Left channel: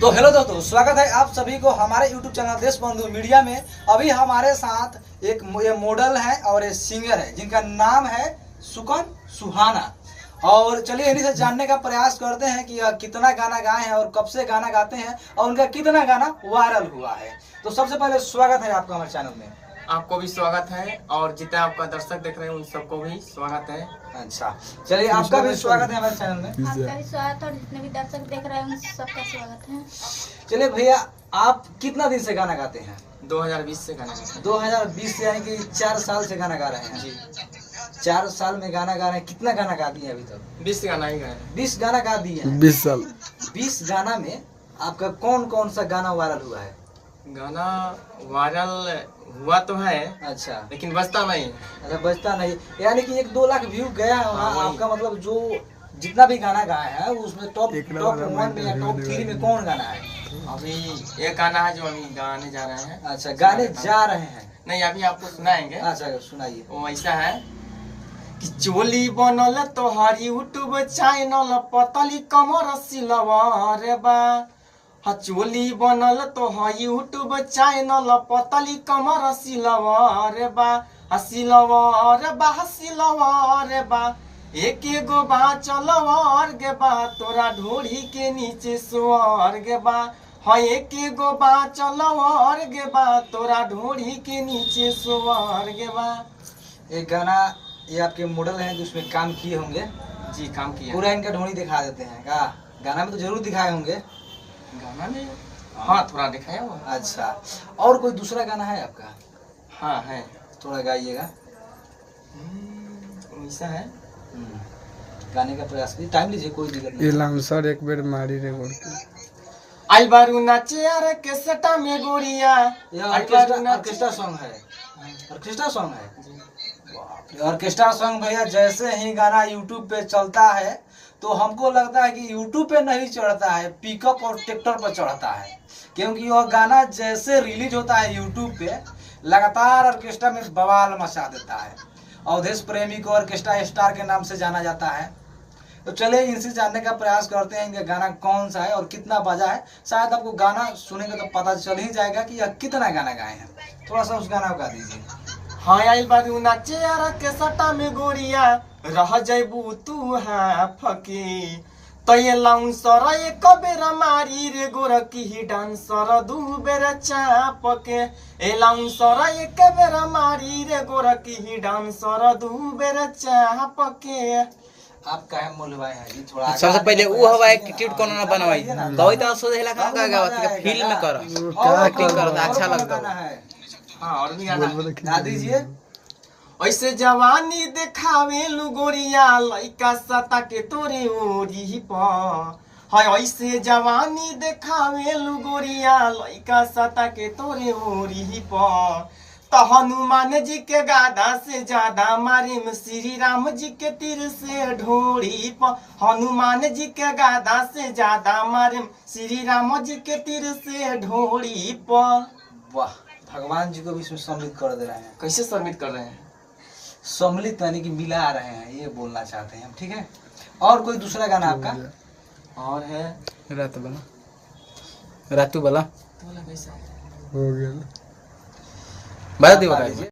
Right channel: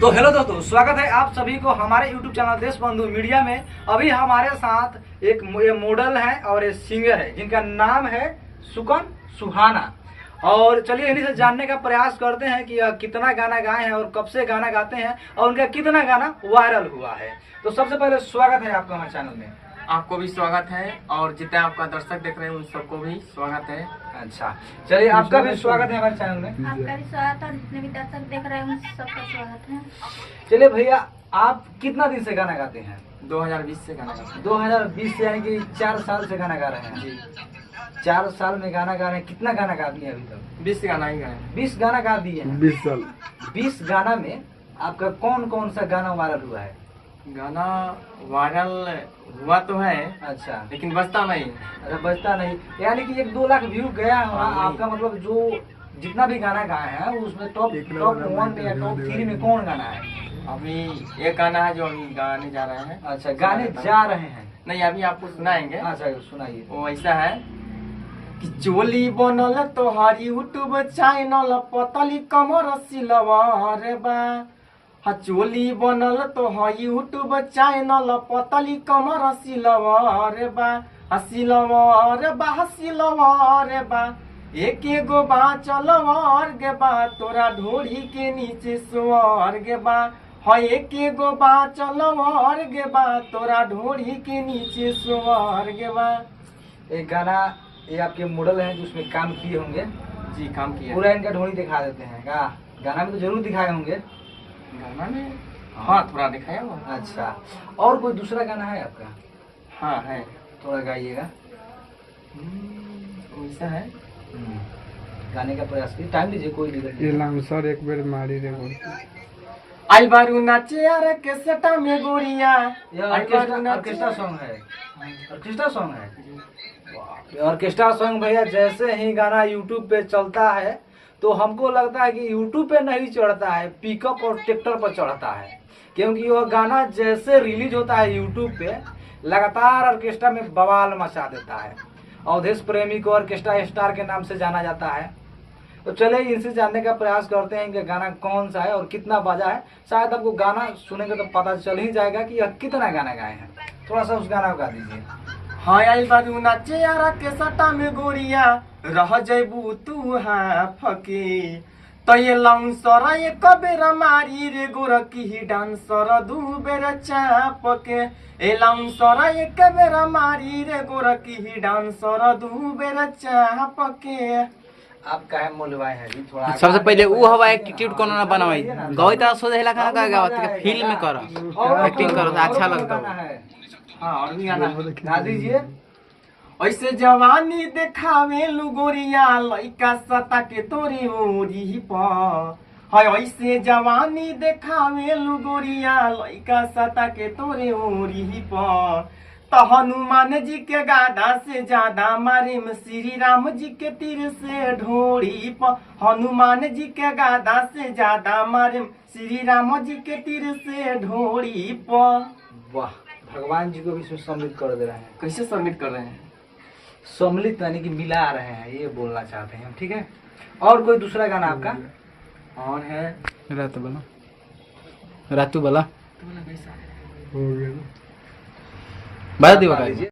तो हेलो दोस्तों, स्वागत है आप सभी को हमारे YouTube चैनल देशबंधु मीडिया में। अभी हमारे साथ एक ये मॉडल है और ये सिंगर है जिनका नाम है सुकन सुहाना। और चलिए इन्हीं से जानने का प्रयास करते हैं कि कितना गाना गाए हैं और कब से गाना गाते हैं और उनका कितना गाना वायरल हुआ है। तो सबसे पहले स्वागत है आपका हमारे चैनल में। आपको भी स्वागत है और जितने आपका दर्शक देख रहे हैं उन सबको भी स्वागत है। अच्छा, चलिए आपका भी स्वागत है हमारे चैनल में। आपका भी स्वागत है और जितने भी दर्शक देख रहे हैं उन सबका स्वागत है। चलिए भैया, आप कितना दिन से गाना गाते हैं? 2020 से गाना गाते हैं। 2020 से, यानी कि 4 साल से गाना गा रहे हैं जी। 4 साल में गाना गा रहे हैं। कितना गाना गा दिए अभी तक? 20 गाना ही गाए। 20 गाना गा दिए हैं। 20 साल। 20 गाना में आपका कौन कौन सा गाना वायरल हुआ है? गाना वायरल हुआ तो है, अच्छा, लेकिन बजता नहीं। अच्छा बजता नहीं, यानी कि 1-2 लाख व्यू गया है वहाँ। हाँ, आपका मतलब जो जितना भी गाना गाया है उसमें टॉप 1 में या टॉप 3 में कौन गाना है? अभी एक गाना है जो अभी गाने जा रहे हैं। अच्छा, गाने जा रहे हैं। नहीं, अभी आपको सुनाएंगे। अच्छा सुनाइए। वो ऐसा है कि चोली बनल तोहार यूट्यूब चैनल पतली कमर सिलवार बा। चोली बनल तोहार यूट्यूब चैनल पतली कमर सिलवार बा। सिलवार बा एक गो बा चलवार गे बा तोरा ढोरी के नीचे सुअर गे बा। एक गो बा चलवार गे बा तोरा ढोरी के नीचे सुअर गे बा। एक गाना ये आपके मॉडल हैं जो उसमें काम किए होंगे। जी, काम किया। पूरा इनका ढोली दिखा देते हैं का? गाना में तो जरूर दिखाए होंगे। गाना में हाँ थोड़ा दिखाया हुआ। अच्छा, और कोई दूसरा गाना है आपका? हाँ है, थोड़ा गाइएगा। वैसा है। गाने का प्रयास कीजिए, टाइम लीजिए, कोई दिक्कत नहीं ये है। लामसर एक बेर मारी रे गोड़ आइल बारू नाचे यार के सटा में गोरिया। ये आइल बारू नाचे- ऑर्केस्ट्रा सॉन्ग है। ऑर्केस्ट्रा सॉन्ग है। बाप रे, ऑर्केस्ट्रा सॉन्ग भैया जैसे ही गाना यूट्यूब पे चलता है तो हमको लगता है कि यूट्यूब पे नहीं चढ़ता है, पिकअप और ट्रैक्टर पर चढ़ता है। क्योंकि वह गाना जैसे रिलीज होता है यूट्यूब पे लगातार ऑर्केस्ट्रा में बवाल मचा देता है। अवधेश प्रेमी को ऑर्केस्ट्रा स्टार के नाम से जाना जाता है। तो चलिए इनसे जानने का प्रयास करते हैं कि गाना कौन सा है और कितना बजा है। शायद आपको गाना सुनेंगे तो पता चल ही जाएगा कि यह कितना गाना गाए हैं। थोड़ा सा उस गाना को गा दीजिए। हाँ आइल बारू नाचे यार के सटा में गोरिया रह जैबू तू हाँ फकी। तो ये लाउंसर एक बेरा मारी रे गोरकी ही डांसर 2 बेर चाप के। ए लाउंसर एक बेरा मारी रे गोरकी ही डांसर 2 बेर चाप के। आप काहे मोलवाए हैं जी? थोड़ा सबसे पहले वो हवा एटीट्यूड कोनो ना बनवाई गई त सोचेला का गावत के फील में कर एक्टिंग कर अच्छा लगता है। हाँ और भी गाना है। गा दीजिए। ऐसे जवानी देखावे लुगोरिया लइका सता के तोरे ओरी प। हाय ऐसे जवानी देखावे लुगोरिया लइका सता के तोरे ओरी प। तो हनुमान जी के गादा से ज्यादा मारे में श्री राम जी के तीर से ढोरी प। हनुमान जी के गादा से ज्यादा मारे में श्री राम जी के तीर से ढोरी प। वाह, भगवान जी को भी इसमें सम्मिलित कर दे रहे हैं। कैसे सबमिट कर रहे हैं? सम्मिलित यानी कि मिला रहे हैं, ये बोलना चाहते हैं हम। ठीक है, और कोई दूसरा गाना आपका? और है रातू वाला तो कैसा है? हो गया। बता दी बता दीजिए।